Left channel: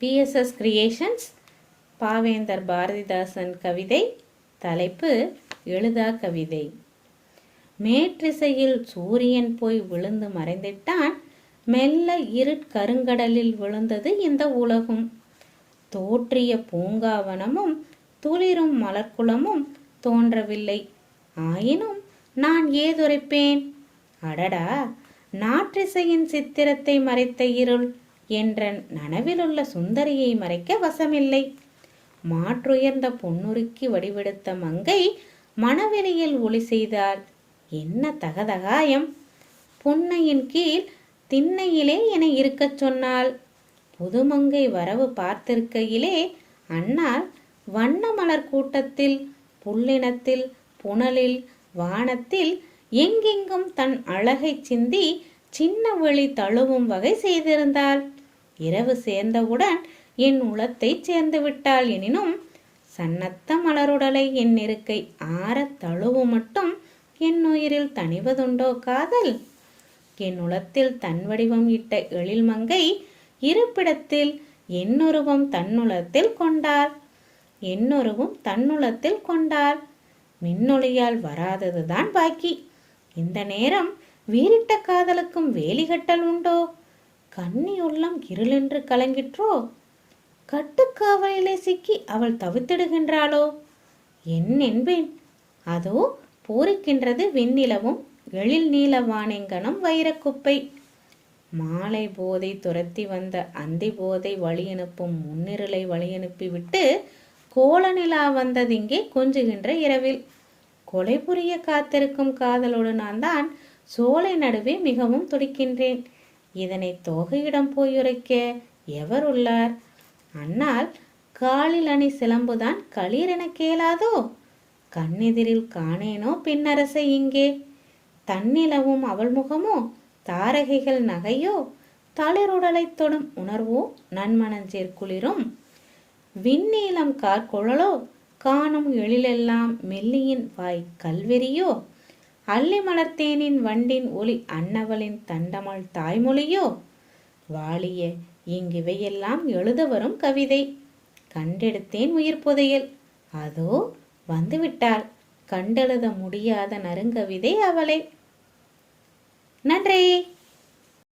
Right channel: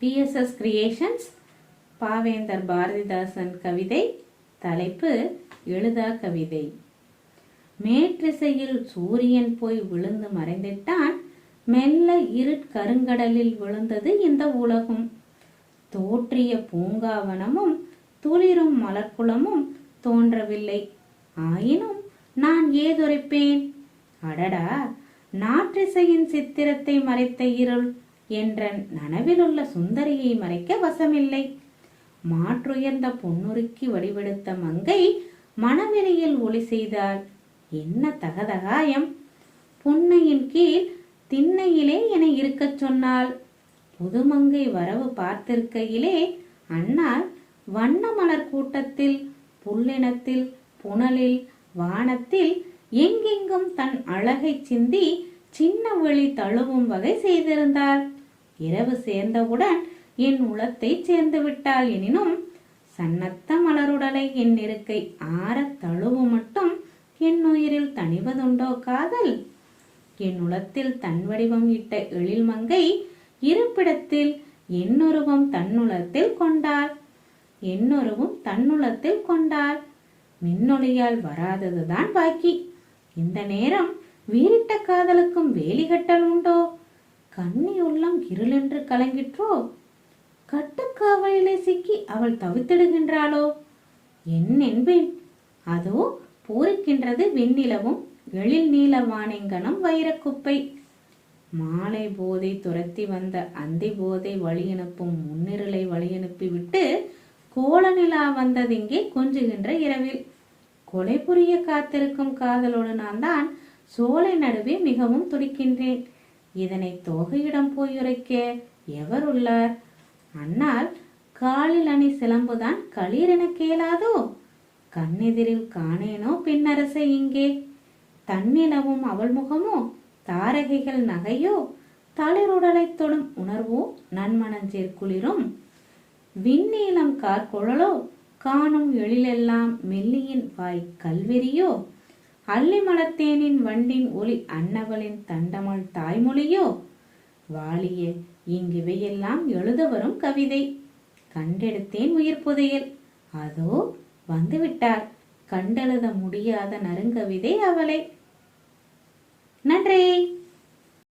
BSS creations பாவேந்தர் பாரதிதாசன் கவிதை தலைப்பு எழுதா கவிதை. மேற்றிசையில் சூரியன் போய் விழுந்து மறைந்திட்டான். மெல்ல இருட்கருங்கடலில் விழுந்தது இந்த உலகும். தோற்றிய பூங்காவனமும் துளிரும் மலர்க்குளமும் தோன்றவில்லை. ஆயினும் நான் ஏதுரைப்பேன்? அடடா! நாற்றிசையின் சித்திரத்தை மறைத்த இருள் என்ற நனவிலுள்ள சுந்தரியை மறைக்க வசமில்லை. மாற்றுயர்ந்த பொன்னுருக்கி வடிவெடுத்த மங்கை மணவெளியில் ஒளி செய்தாள். என்ன தகதகாயம்! புன்னையின் கீழ் திண்ணையிலே என இருக்கச் சொன்னாள். புதுமங்கை வரவு பார்த்திருக்கையிலே அண்ணால் வண்ண மலர் கூட்டத்தில் புல்லினத்தில் புனலில் வானத்தில் எங்கெங்கும் தன் அழகை சிந்தி சின்ன வெளி தழுவும் வகை செய்திருந்தாள். இரவு சேர்ந்தவுடன் என் உளத்தை சேர்ந்து விட்டாள் எனினும் சன்னத்த மலருடலை என் இருக்கை ஆற தழுவு மட்டும் என் உயிரில் தணிவதுண்டோ காதல்? என் உளத்தில் தன் வடிவம் இட்ட எழில் மங்கை இருப்பிடத்தில் என்னொருவும் தன்னுளத்தில் கொண்டார் என்னொருவும் தன்னுளத்தில் கொண்டார் மின்னொளியால் வராததுதான் பாக்கி. இந்த நேரம் வீரிட்ட காதலுக்கும் வேலிகட்டல் உண்டோ? கண்ணி உள்ளம் இருளென்று கலங்கிற்றோ? கட்டுக்காவலிலே சிக்கி அவள் தவித்திடுகின்றாளோ? என் என்பேன். அதோ பூரிக்கின்றது வெண்ணிலவும் எழில் நீல வானெங்கனம் வைரக்குப்பை. மாலை போதை துரத்தி வந்த அந்தி போதை வழியனுப்பும் முன்னிருளை வழியனுப்பி விட்டு கோலநிலா வந்ததிங்கே கொஞ்சுகின்ற இரவில். கொலை புரிய காத்திருக்கும் காதலுடனான் தான் சோலை நடுவே மிகவும் துடிக்கின்றேன். இதனை தொகையிடம் போயுரைக்க எவர் உள்ளார்? அன்னால் காலில் அணி சிலம்புதான் களீரென கேளாதோ? கண்ணெதிரில் காணேனோ பின்னரசை இங்கே? தன்னிலவும் அவள் முகமோ? தாரகைகள் நகையோ? தளிருடலை தொடும் உணர்வோ? நன்மணஞ்சேர் குளிரும்? விண்ணீளம் கார்குழலோ? காணும் எழிலெல்லாம் மெல்லியின் வாய் கல்வெறியோ? அல்லிமலத்தேனின் மலர்த்தேனின் வண்டின் ஒளி அன்னவளின் தண்டமள் தாய்மொழியோ? வாழிய இங்கிவையெல்லாம் எழுத வரும் கவிதை. கண்டெடுத்தேன் உயிர் புதையல். அதோ வந்துவிட்டார். கண்டெழுத முடியாத நறுங்கவிதை அவளே. நன்றி.